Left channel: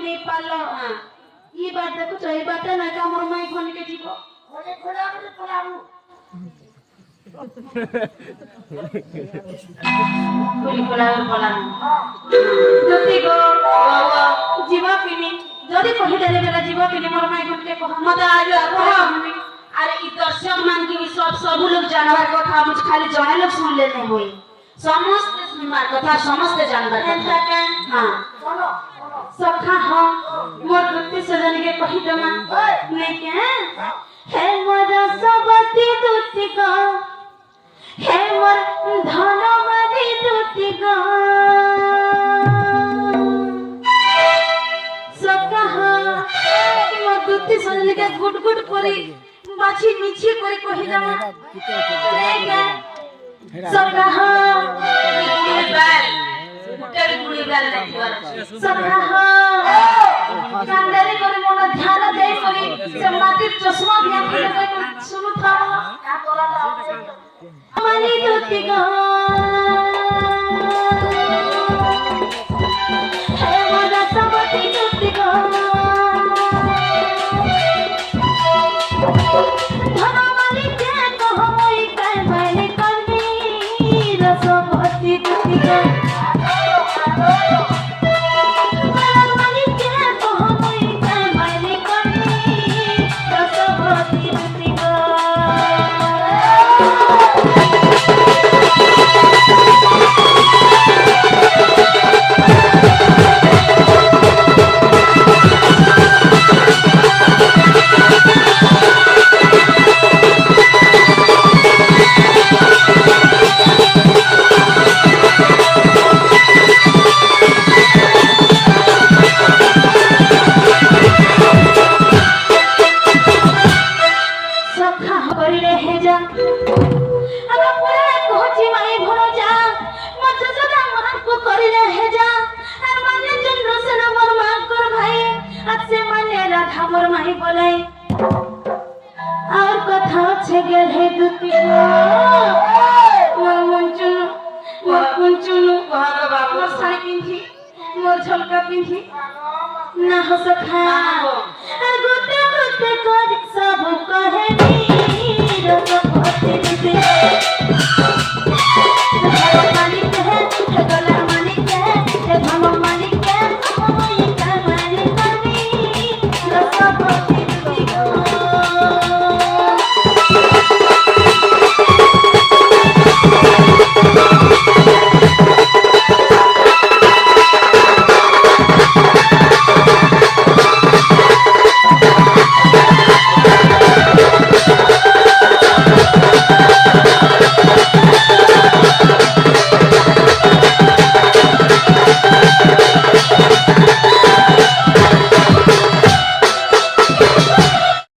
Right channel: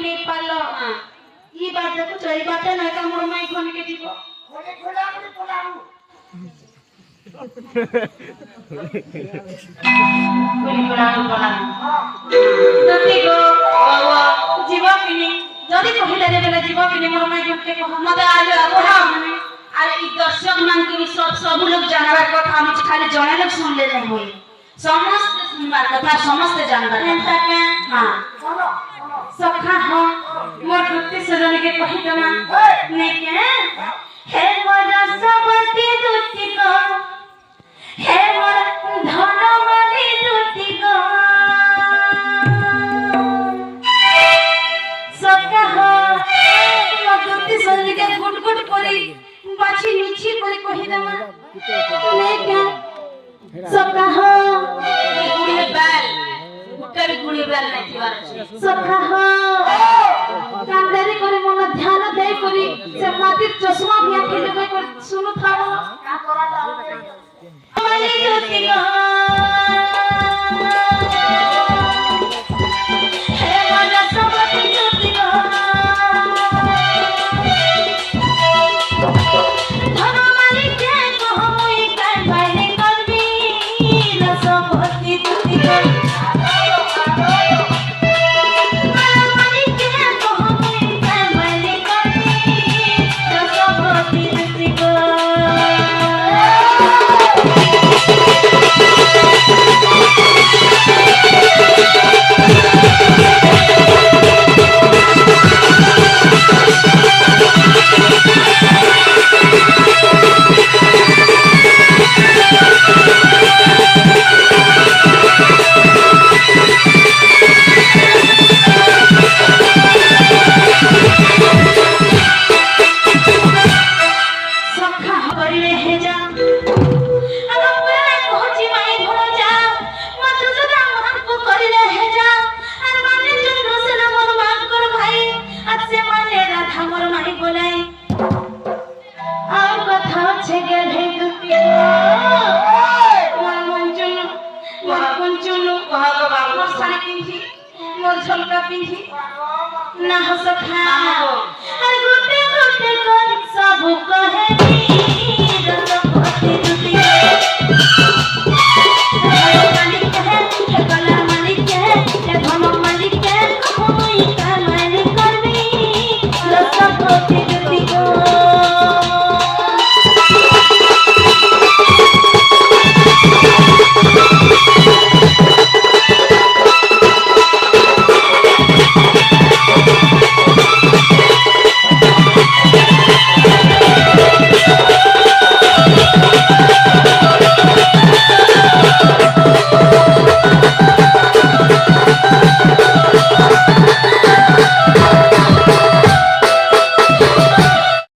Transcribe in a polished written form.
গুটি পালো ই বাদ দেখো এই বাদে না কামড় মাই ঘনকে দিব ঘরে ঘোড়া করে পলাবো গুলি পলাবো পলাবো দুটি গো জীবা কিনি যদি কহিলে বেলা জীবা কিনি মোর মাই ঘনকে কহ মতে আলো আপনা আর এই দর্শক মান কি সব লোক জানবার কথা আমি খালি জয় লোক শুনলে না হই समस्त सुनबार कथा समस्त जानबार कथा हां सखा हां मोर दुत्ती सजन के कहि दमा ने के हे मोर सबती दुत्ती को हे मोर धनमणि दुत्ती को सखा हां मोर दुत्ती सजन के गुट गुट करी बाछी निची करी कहि दमा ने के सखा हां गुड़ीबार नथिवार सखा हां कांदरी करे मन ध्यान दे करी से माटिर चश्मा दिया के सुनु था का करता मनी ज्योति गो हे मन सबती ज्योति गो धनमणि के कहमई काय माने करबी रसवती ज्योति गो ना हो सखा